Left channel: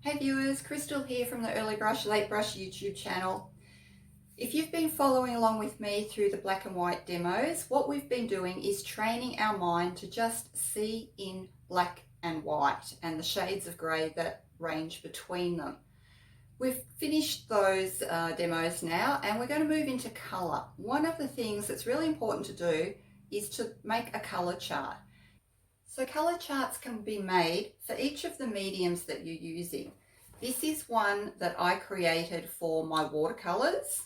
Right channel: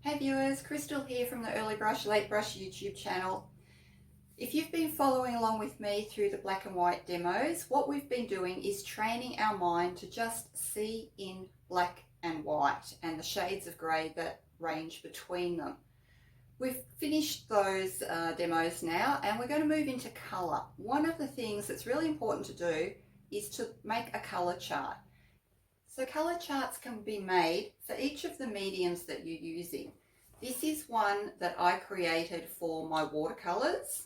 Hey viewers, Crystal here from the Early Brush, Late Brush YouTube channel. If you've been following along with me through the black and white demos, what we've been doing is training our mind to just see in black and white and the shades of grey that range between them. We've finished those demos now and we're going to move into colour. One of the things that's really important to do is to make a colour chart. So colour charts can be made for each of the mediums that you're using. This is one that I created for my watercolours,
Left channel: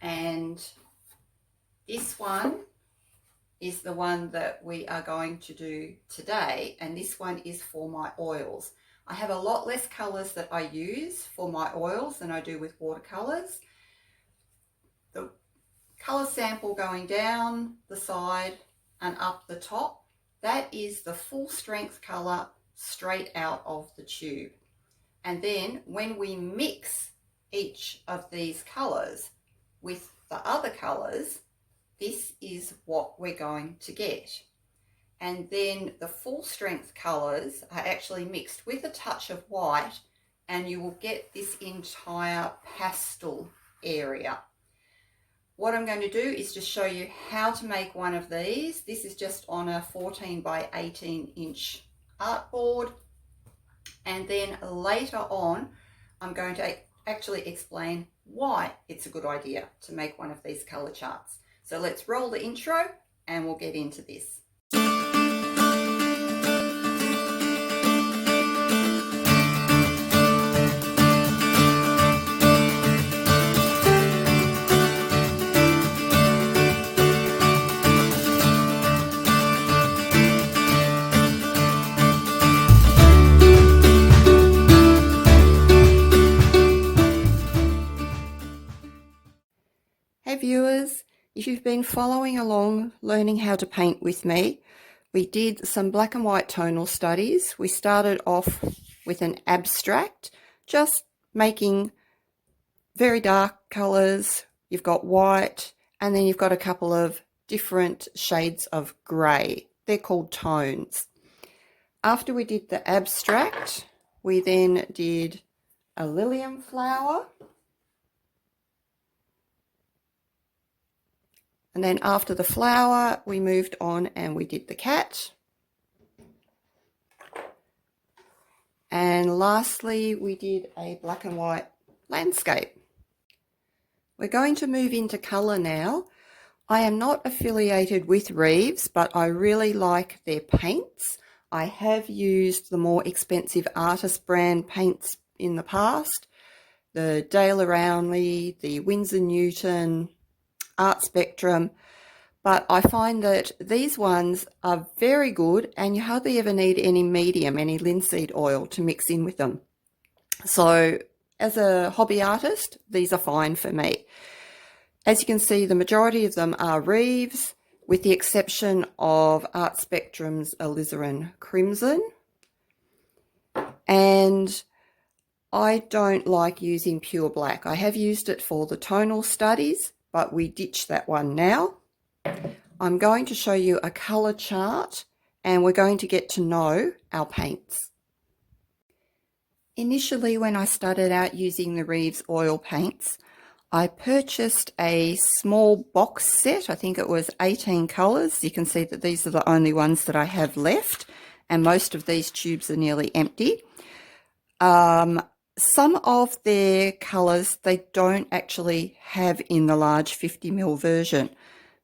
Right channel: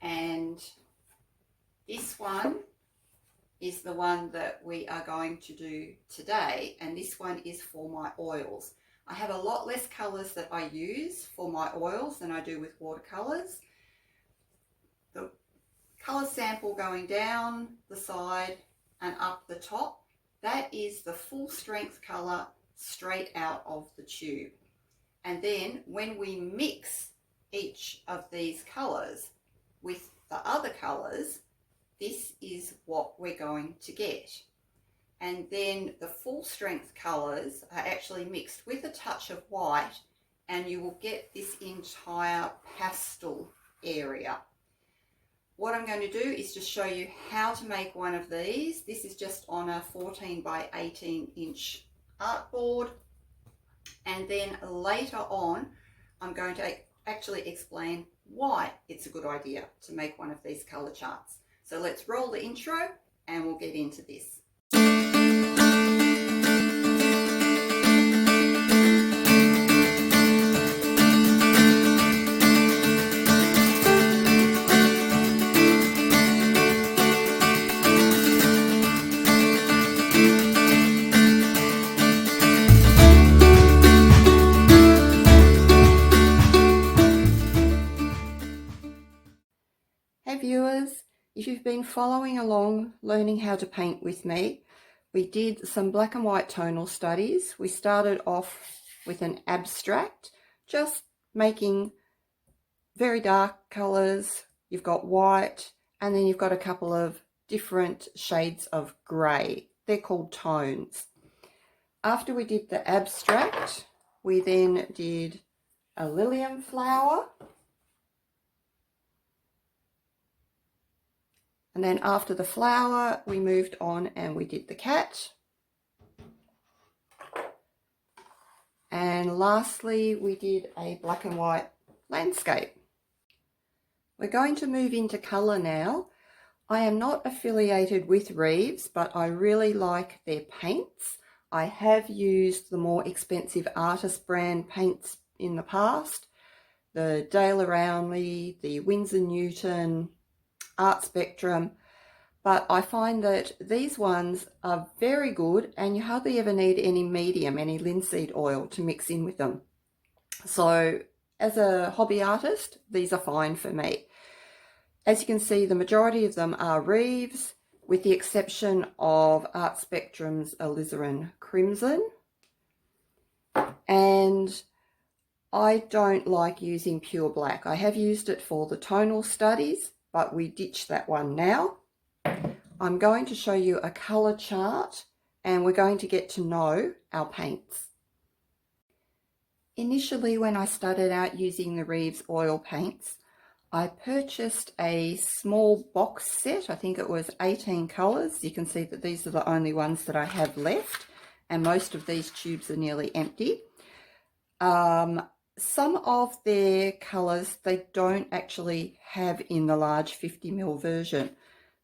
and this one is the one that we are going to do today, and this one is for my oils. I have a lot less colours that I use for my oils than I do with watercolours. The colour sample going down the side and up the top, that is the full strength colour straight out of the tube. And then when we mix each of these colours with the other colours, this is what we're going to get. And then the full strength colours are actually mixed with a touch of white, and you will get this entire pastel area. What I'm going to do is just show you how to make one of these. This is just on a 14 by 18 inch artboard. And then later on, I'm going to actually explain why it's a good idea to make one of these colour charts. So let's roll the intro and we'll get into this. Hey viewers, if you've been following along learning how to paint with me, we did some black and white tonal studies. We started off with an abstract, just making very dark colours. You've got white, and then you've got a couple of different shades of grey. They're called tones. After we did the abstract, we then did a lilium flower. And then after the flower, we moved on and we did the cat. And lastly, we did a black and white landscape. We're going to move into colour now. I am not affiliated with Reeves, but I really like their paints. I have used the more expensive artist brand paints in the past, the Dale Aroundley, the Winsor Newton, Art Spectrum, but I find that these ones are very good and you hardly ever need any medium, any linseed oil to mix in with them. So as a hobby artist, these are fine for me. As you can see, the majority of them are Reeves, with the exception of Art Spectrum's Alizarin Crimson. And I don't like using pure black. I have used it for the tonal studies, but we ditched that one now. I'm going to show you a colour chart and we're going to get to know our paints. Initially, when I started out using the Reeves oil paints, I purchased a small box set. I think it was 18 colours. You can see that these are the only ones that I have left, and most of these tubes are nearly empty. Some of their colours they don't actually have in the large 50ml version.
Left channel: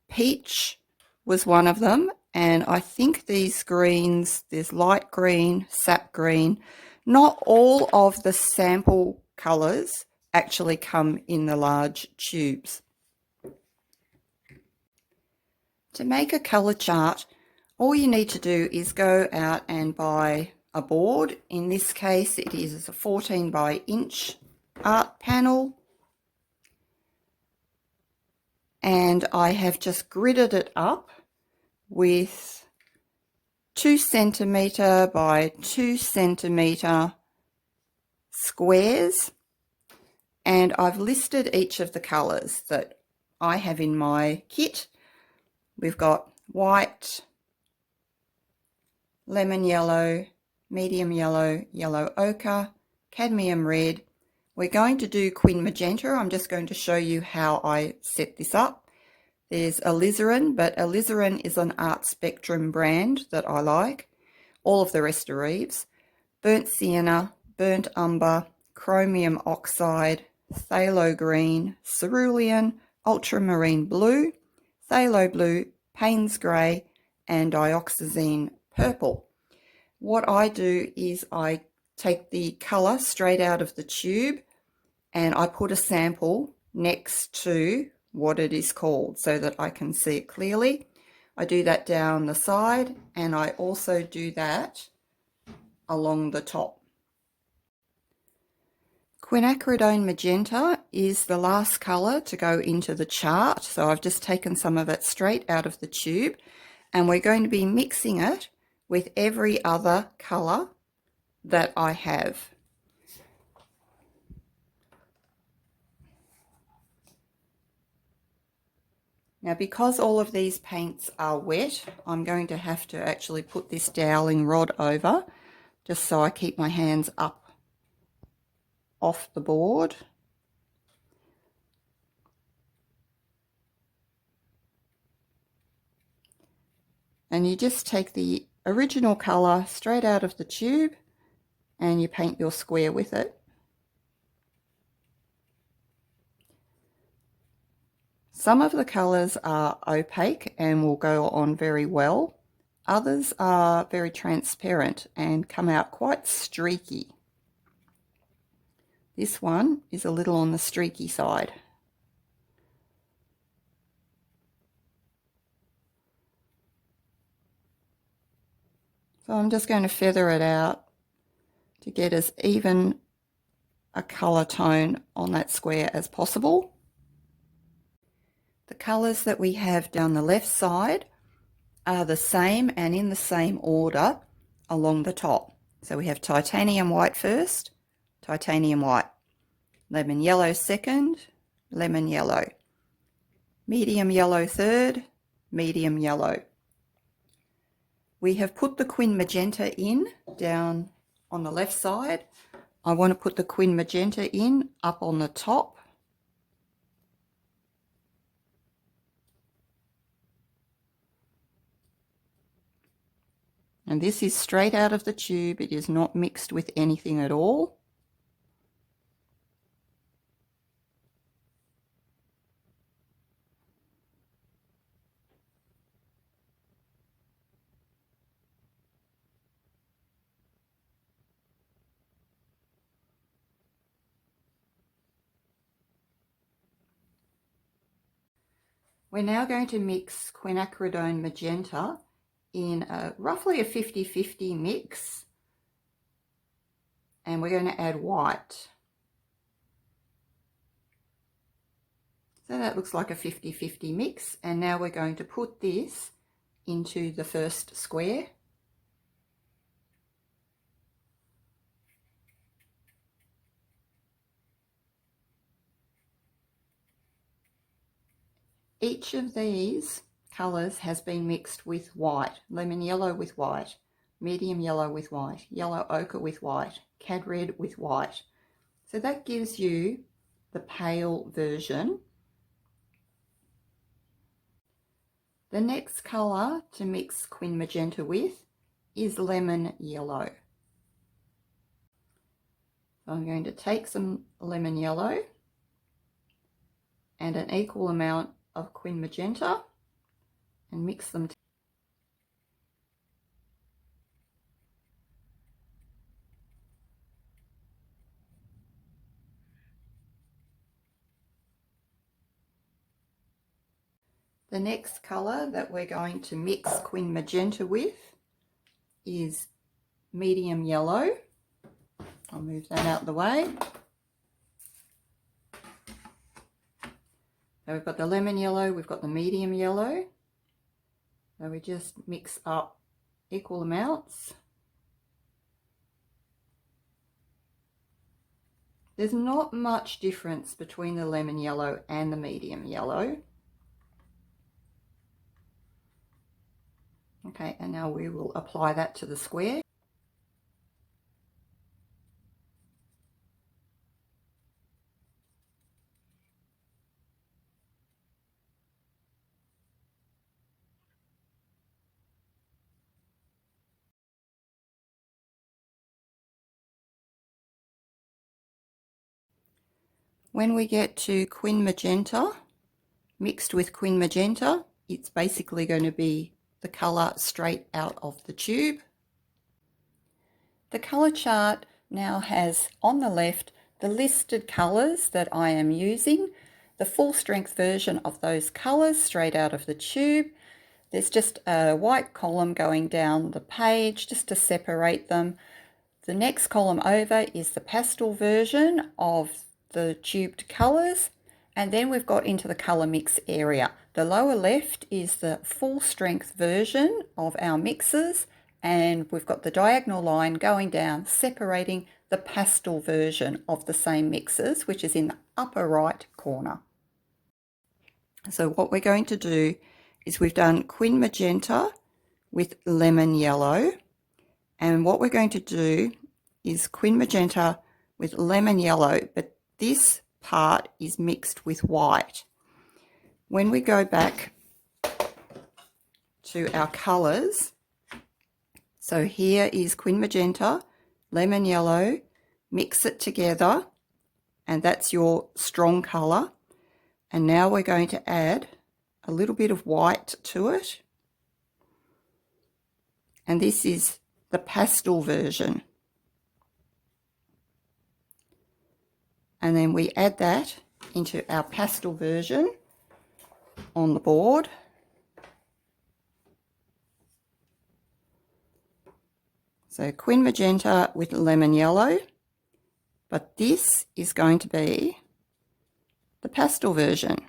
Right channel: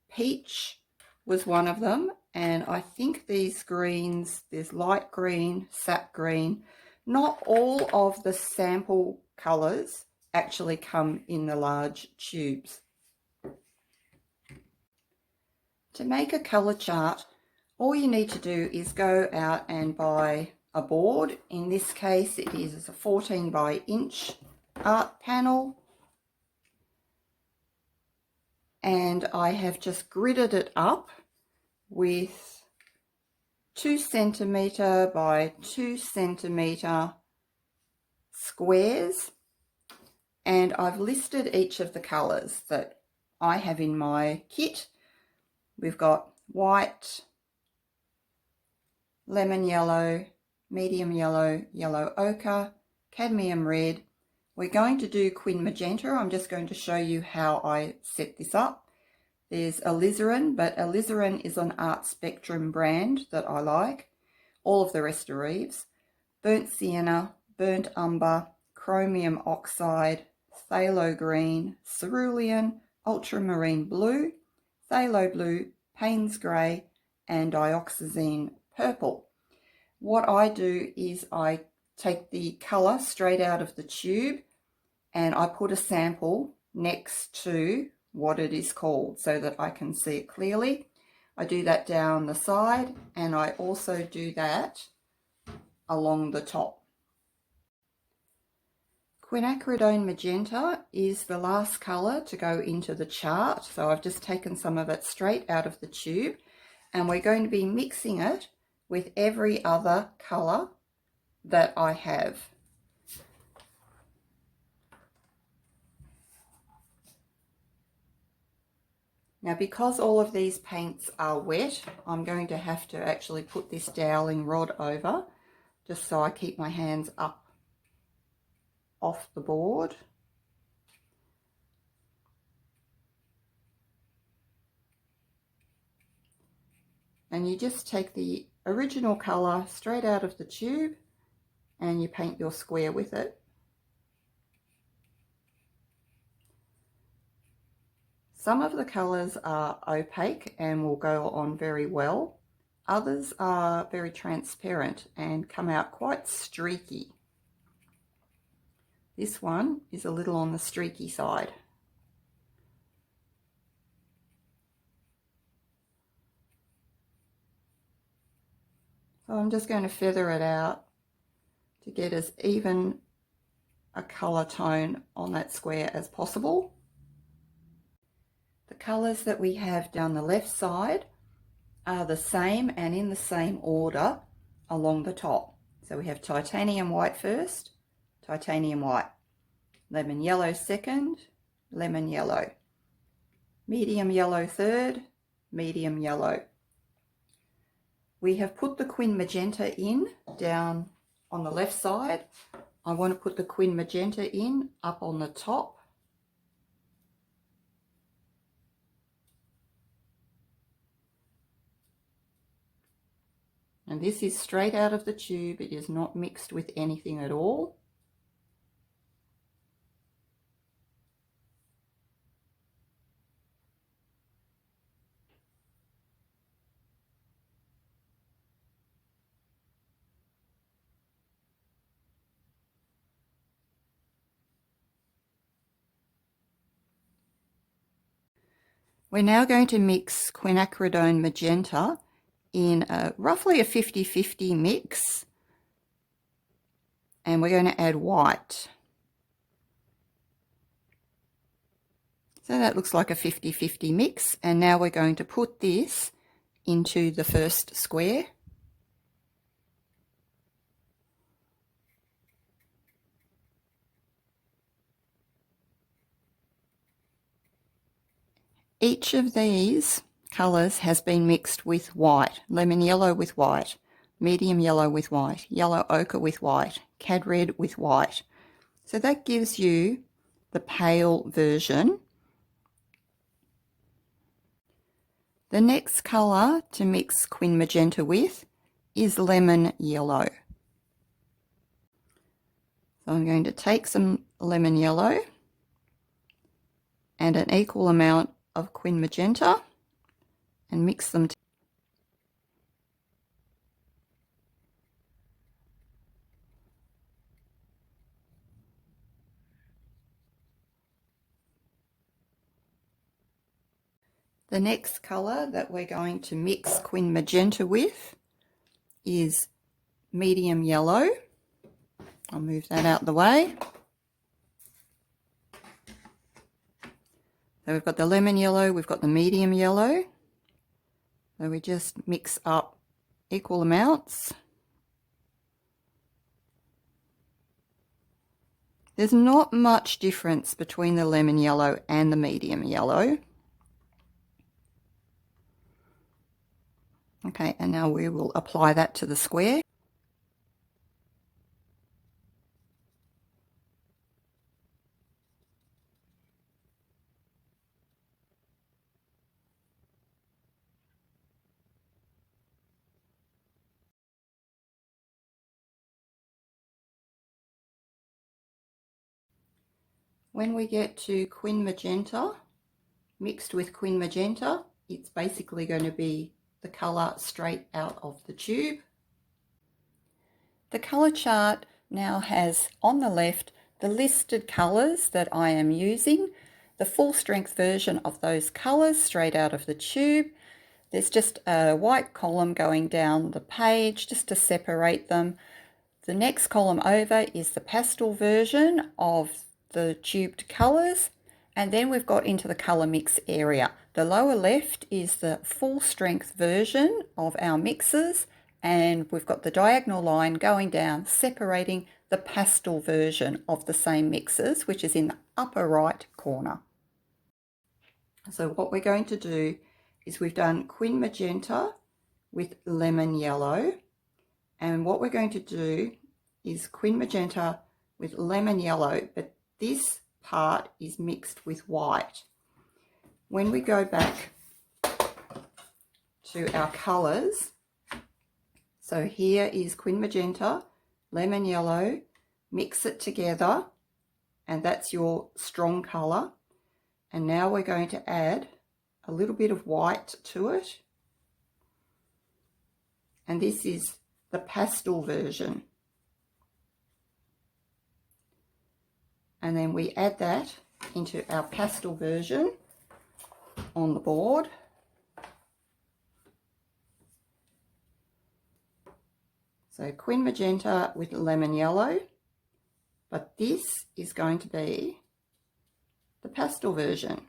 Peach was one of them, and I think these greens, there's light green, sap green. Not all of the sample colours actually come in the large tubes. To make a colour chart, all you need to do is go out and buy a board. In this case, it is a 14 by inch art panel. And I have just gridded it up with 2 centimetre by 2 centimetre squares. And I've listed each of the colours that I have in my kit. We've got white, lemon yellow, medium yellow, yellow ochre, cadmium red. We're going to do quin magenta. I'm just going to show you how I set this up. There's alizarin, but alizarin is an Art Spectrum brand that I like. All of the rest are Reeves. Burnt sienna, burnt umber, chromium oxide, phthalo green, cerulean, ultramarine blue, phthalo blue, Payne's grey, and dioxazine purple. What I do is I take the colour straight out of the tube and I put a sample next to what it is called so that I can see it clearly. I do that down the side and I also do that along the top. Quinacridone magenta is the last colour to go into the chart, so I've just taken some of it straight out of the tube and we're going to be mixing it with every other colour that I have. Now, because all of these paints are wet, I'm going to have to actually put this doweling rod over just so I keep my hands up off the board. And you just take the original colour straight out of the tube and you paint your square with it. Some of the colours are opaque and will go on very well. Others are very transparent and come out quite streaky. This one is a little on the streaky side. So I'm just going to feather it out to get as even a colour tone on that square as possible. The colours that we have down the left side are the same and in the same order along the top. So we have titanium white first, titanium white, lemon yellow second, lemon yellow, medium yellow third, medium yellow. We have put the quin magenta in down on the left side. I want to put the quin magenta in up on the top. And this is straight out of the tube. It is not mixed with anything at all. We're now going to mix quinacridone magenta in roughly a 50-50 mix, and we're going to add white. So that looks like a 50-50 mix, and now we're going to put this into the first square. Each of these colours has been mixed with white, lemon yellow with white, medium yellow with white, yellow ochre with white, cad red with white. So that gives you the pale version. The next colour to mix quin magenta with is lemon yellow. So I'm going to take some lemon yellow and an equal amount of quin magenta and mix them together. The next colour that we're going to mix quin magenta with is medium yellow. I'll move that out of the way. So we've got the lemon yellow, we've got the medium yellow. So we just mix up equal amounts. There's not much difference between the lemon yellow and the medium yellow. Okay, and now we will apply that to the square. When we get to Quin Magenta, mixed with Quin Magenta, it's basically going to be the colour straight out of the tube. The colour chart now has on the left the listed colours that I am using, the full strength version of those colours straight out of the tube. There's just a white column going down the page just to separate them. The next column over is the pastel version of the tubed colours, and then we've got into the colour mix area. The lower left is the full strength version of our mixes, and we've got the diagonal line going down separating the pastel version of the same mixes, which is in the upper right corner. So what we're going to do is we've done Quin Magenta with lemon yellow, and what we're going to do is Quin Magenta with lemon yellow, but this part is mixed with white. When we go back to our colours, so here is Quin Magenta, lemon yellow, mix it together, and that's your strong colour. And now we're going to add a little bit of white to it. And this is the pastel version. And then we add that into our pastel version on the board. So Quin Magenta with lemon yellow, but this is going to be the pastel version.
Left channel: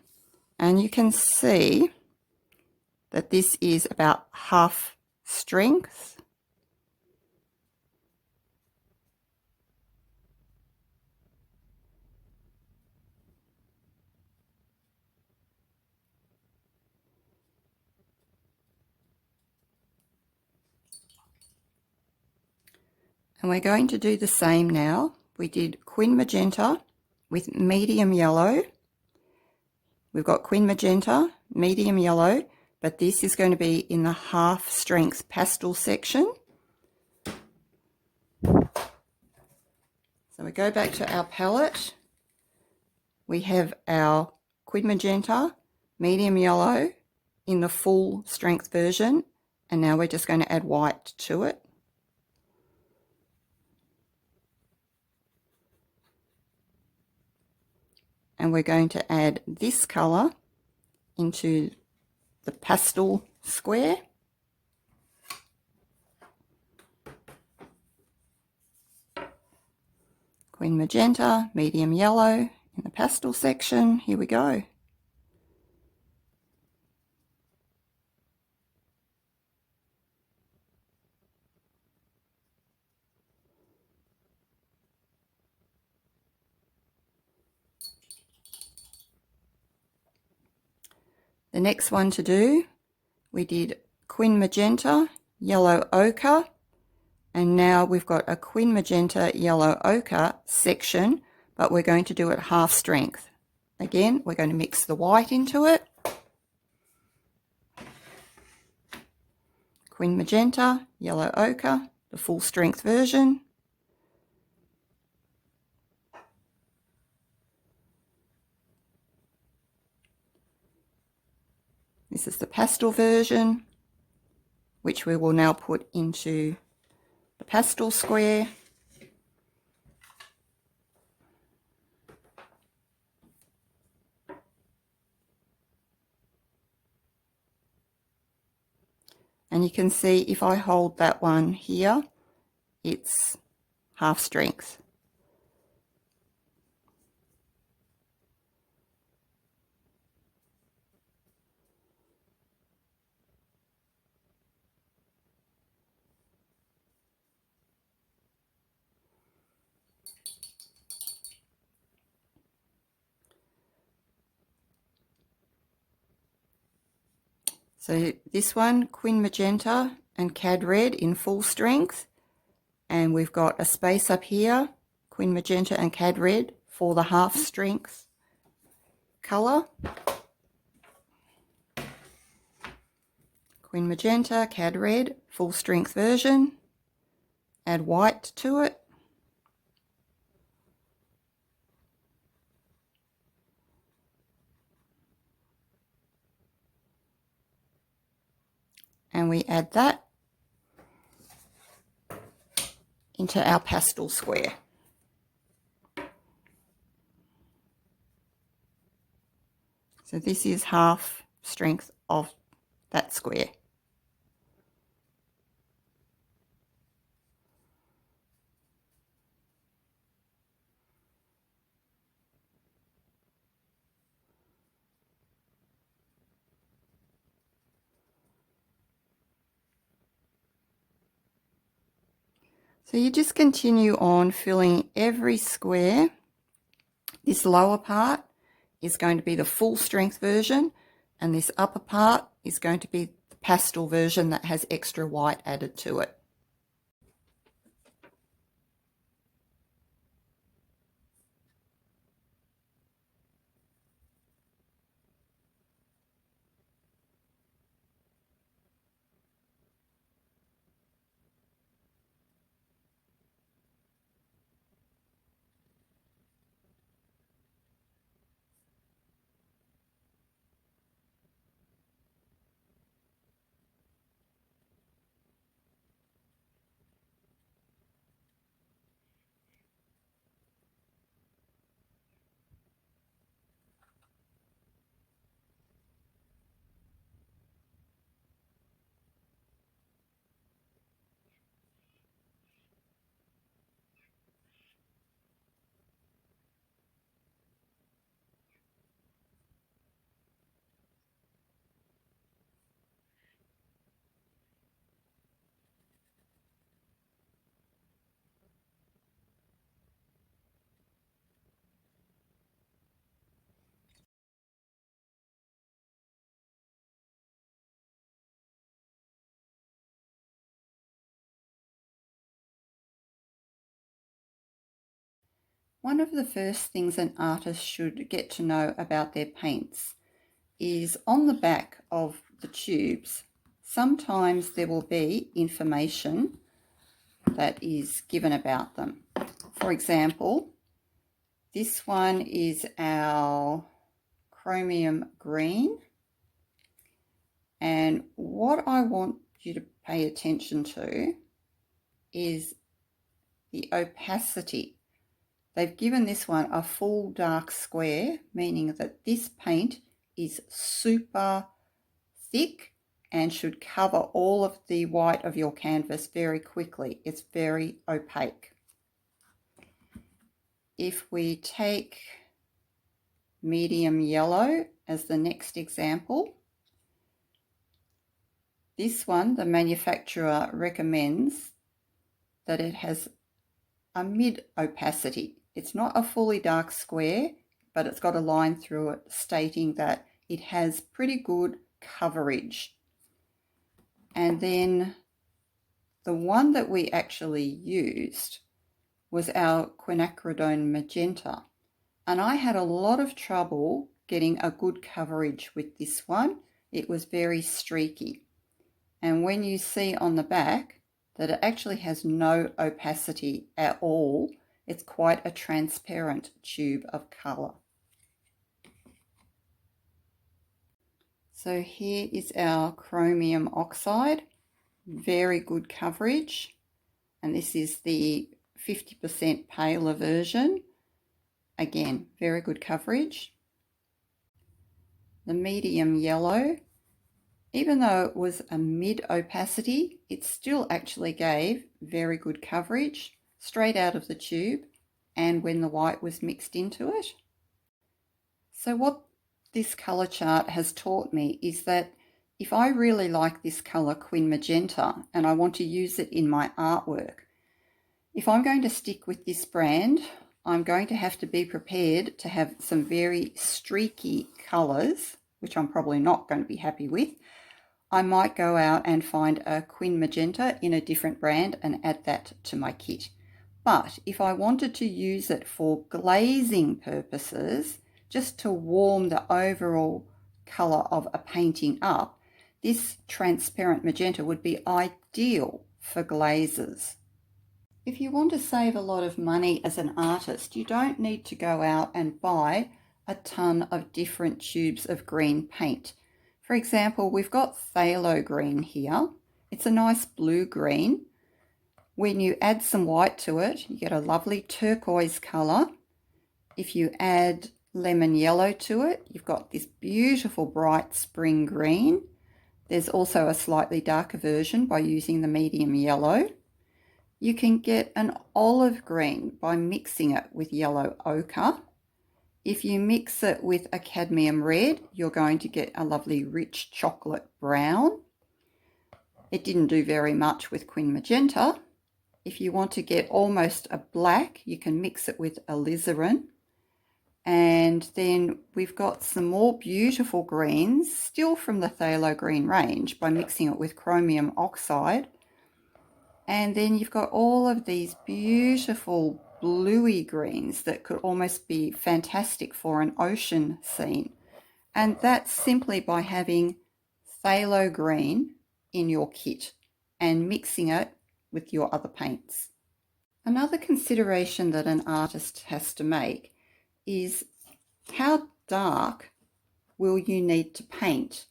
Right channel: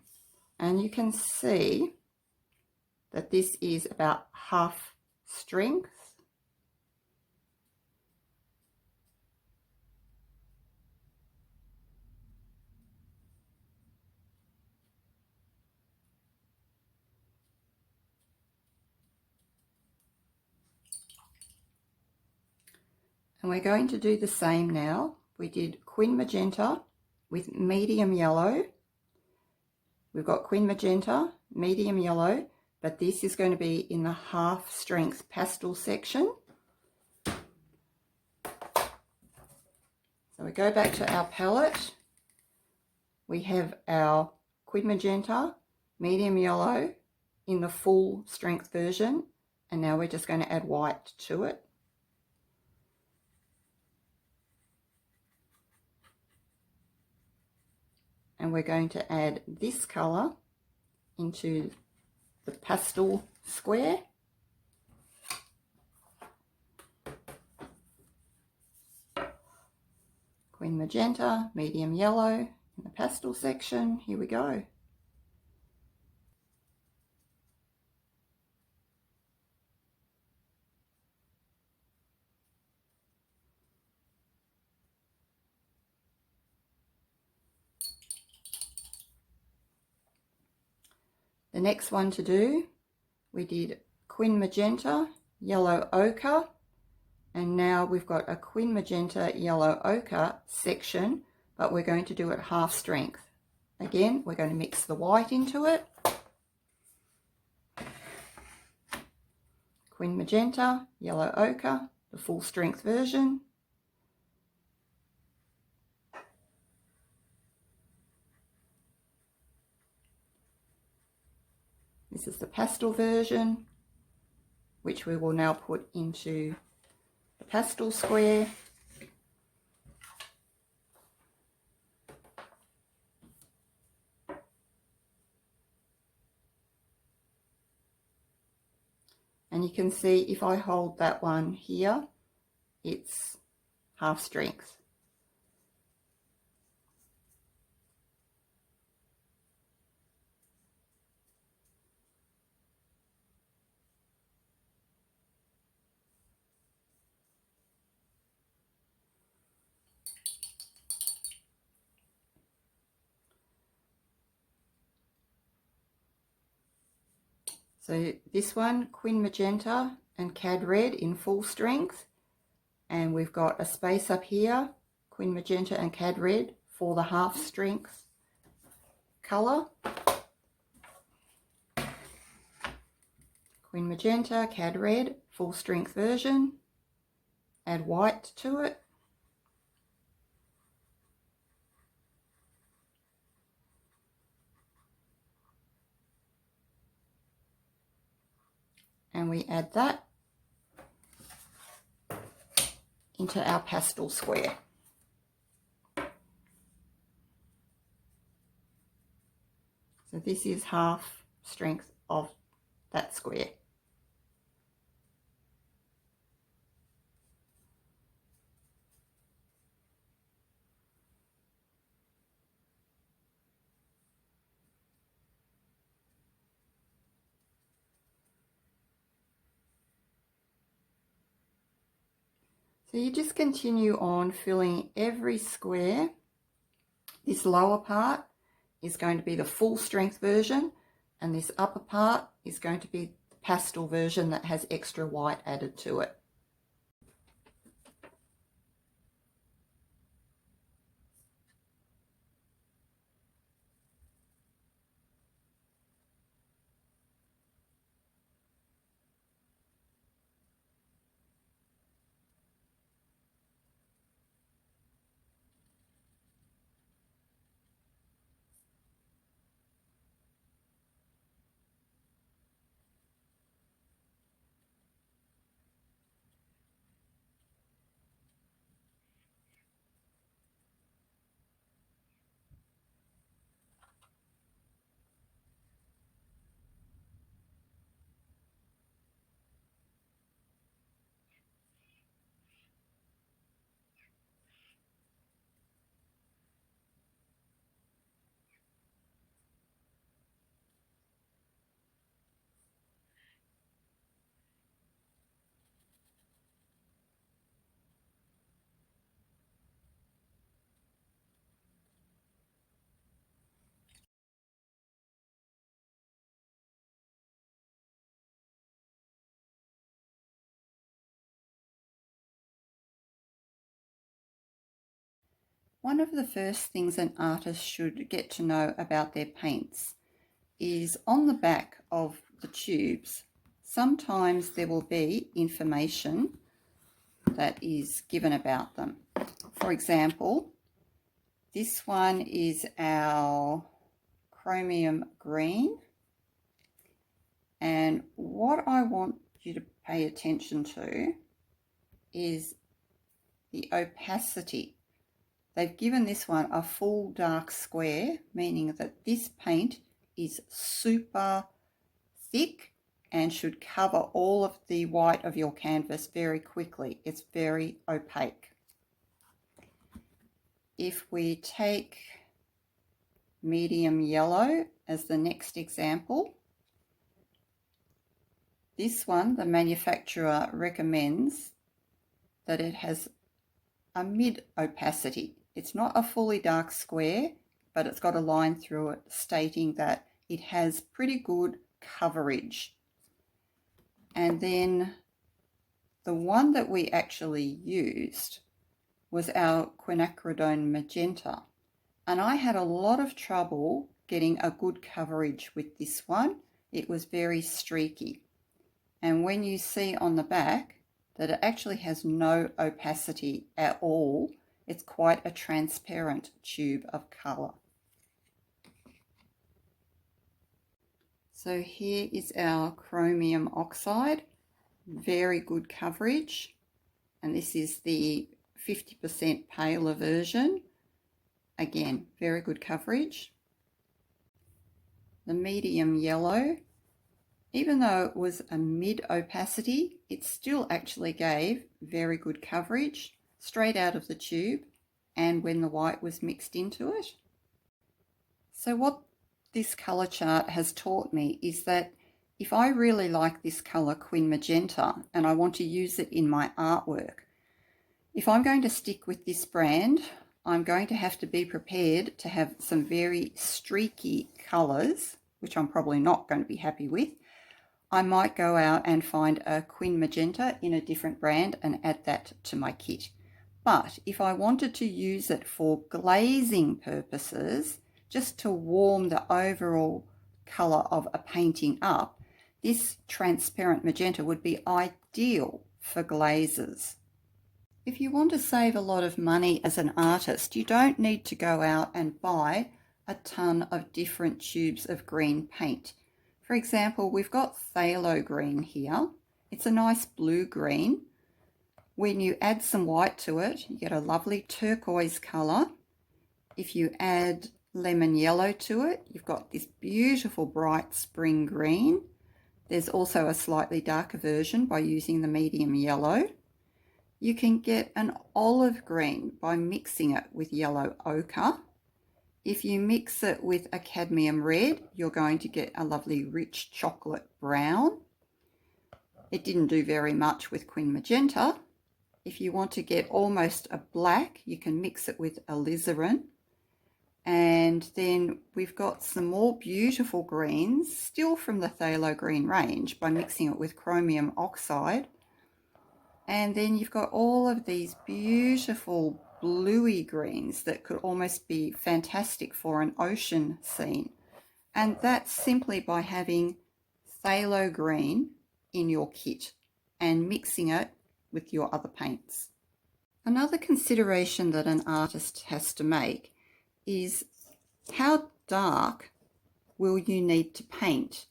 And you can see that this is about half strength. And we're going to do the same now. We did Quin Magenta with medium yellow. We've got Quin Magenta, medium yellow, but this is going to be in the half strength pastel section. So we go back to our palette. We have our Quin Magenta, medium yellow in the full strength version, and now we're just going to add white to it. And we're going to add this colour into the pastel square. Quin Magenta, medium yellow in the pastel section. Here we go. The next one to do, we did Quin Magenta, yellow ochre, and now we've got a Quin Magenta, yellow ochre section, but we're going to do it half strength. Again, we're going to mix the white into it. Quin Magenta, yellow ochre, the full strength version. This is the pastel version, which we will now put into the pastel square. And you can see if I hold that one here, it's half strength. So this one, Quin Magenta and Cad Red in full strength. And we've got a space up here, Quin Magenta and Cad Red for the half strength colour. Quin Magenta, Cad Red, full strength version. Add white to it. and we add that into our pastel square. So this is half strength of that square. So you just continue on filling every square. This lower part is going to be the full strength version, and this upper part is going to be the pastel version that has extra white added to it. One of the first things an artist should get to know about their paints is on the back of the tubes, sometimes there will be information that is given about them. For example, this one is our chromium green, and what I want you to pay attention to is the opacity. They've given this one a full dark square, meaning that this paint is super thick and should cover all of the white of your canvas very quickly. It's very opaque. If we take medium yellow as the next example, this one, the manufacturer recommends that it has a mid opacity. It's not a fully dark square, but it's got a line through it stating that it has pretty good coverage. And then the one that we actually used was our quinacridone magenta. And I had a lot of trouble getting a good coverage with this one. It was very streaky. And when you see on the back that it actually has no opacity at all, it's quite a transparent tube of colour. So here is our chromium oxide, very good coverage, and this is the 50% paler version. Again, very good coverage. The medium yellow, even though it was a mid opacity, it still actually gave very good coverage straight out of the tube and when the white was mixed into it. So what this colour chart has taught me is that if I really like this colour, Quin Magenta, and I want to use it in my artwork, if I'm going to stick with this brand, I'm going to have to be prepared to have some very streaky colours, which I'm probably not going to be happy with. I might go out and find a Quin Magenta in a different brand and add that to my kit. But if I wanted to use it for glazing purposes, just to warm the overall colour of a painting up, this transparent magenta would be ideal for glazes. If you want to save a lot of money as an artist, you don't need to go out and buy a ton of different tubes of green paint. For example, we've got phthalo green here. It's a nice blue green. When you add some white to it, you get a lovely turquoise colour. If you add lemon yellow to it, you've got this beautiful bright spring green. There's also a slightly darker version by using the medium yellow. You can get an olive green by mixing it with yellow ochre. If you mix it with a cadmium red, you're going to get a lovely rich chocolate brown. It didn't do very much with quin magenta. If you want to get almost a black, you can mix it with alizarin. And then we've got some more beautiful greens, still from the phthalo green range, by mixing it with chromium oxide. And then you've got all of these beautiful bluey greens that could almost be fantastic for an ocean scene. And that's simply by having phthalo green in your kit and mixing it with your other paints. Another consideration that an artist has to make is how dark will you need to paint?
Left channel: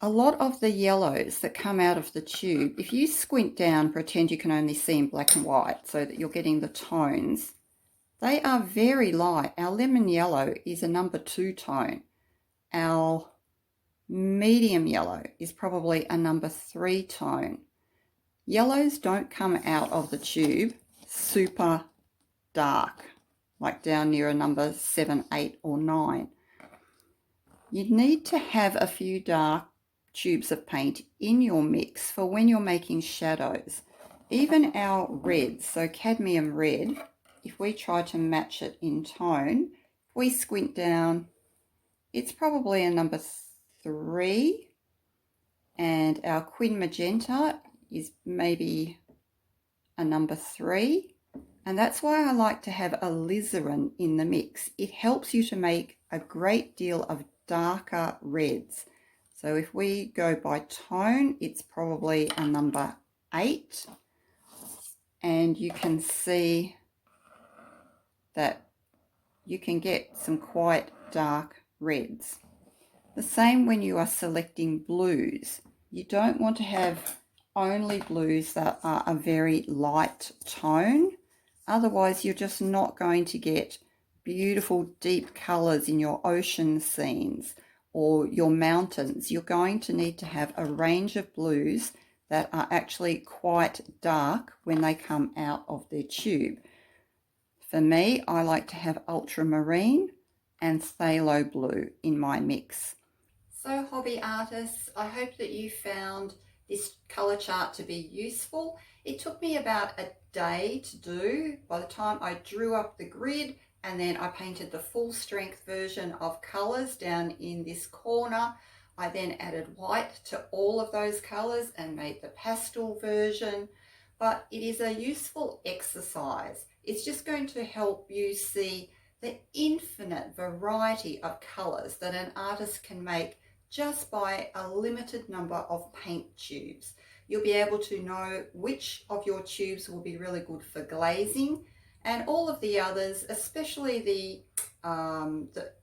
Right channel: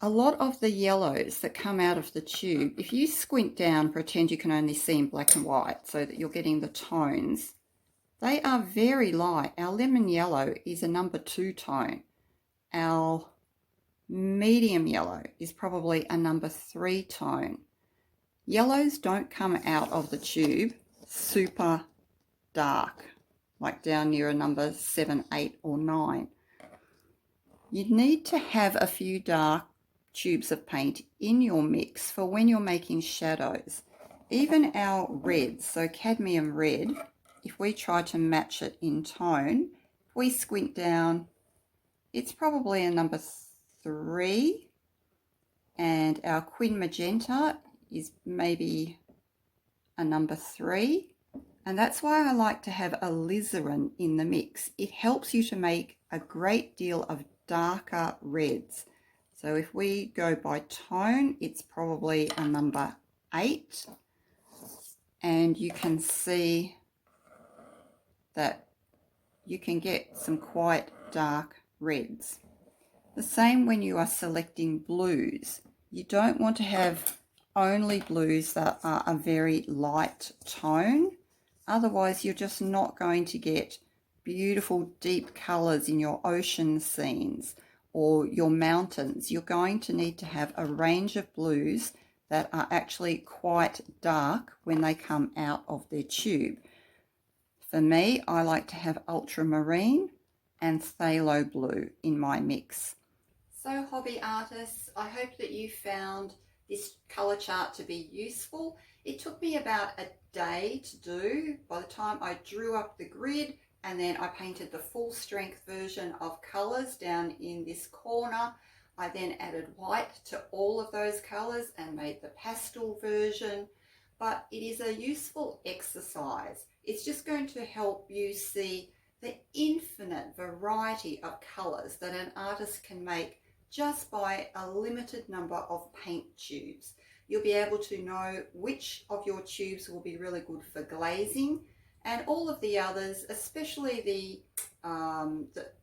A lot of the yellows that come out of the tube, if you squint down, pretend you can only see in black and white so that you're getting the tones, they are very light. Our lemon yellow is a number 2 tone. Our medium yellow is probably a number 3 tone. Yellows don't come out of the tube super dark, like down near a number 7, 8 or 9. You need to have a few dark tubes of paint in your mix for when you're making shadows. Even our reds, so cadmium red, if we try to match it in tone, if we squint down, it's probably a number 3, and our quin magenta is maybe a number 3, and that's why I like to have alizarin in the mix. It helps you to make a great deal of darker reds. So if we go by tone, it's probably a number 8, and you can see that you can get some quite dark reds. The same when you are selecting blues. You don't want to have only blues that are a very light tone. Otherwise, you're just not going to get beautiful deep colours in your ocean scenes or your mountains. You're going to need to have a range of blues that are actually quite dark when they come out of their tube. For me, I like to have ultramarine and phthalo blue in my mix. So hobby artists, I hope that you found this colour chart to be useful. It took me about a day to do. By the time I drew up the grid and then I painted the full strength version of colours down in this corner, I then added white to all of those colours and made the pastel version. But it is a useful exercise. It's just going to help you see the infinite variety of colours that an artist can make just by a limited number of paint tubes. You'll be able to know which of your tubes will be really good for glazing, and all of the others, especially the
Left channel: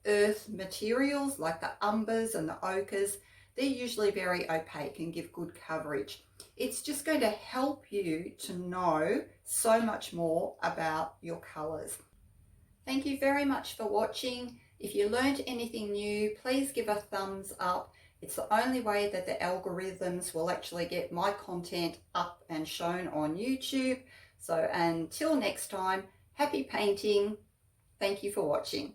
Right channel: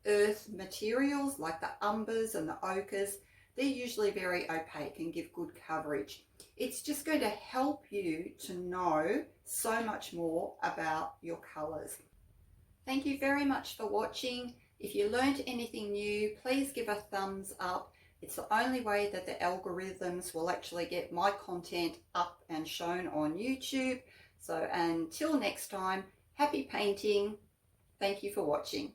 earth materials like the umbers and the ochres, they're usually very opaque and give good coverage. It's just going to help you to know so much more about your colours. Thank you very much for watching. If you learned anything new, please give a thumbs up. It's the only way that the algorithms will actually get my content up and shown on YouTube. So until next time, happy painting. Thank you for watching.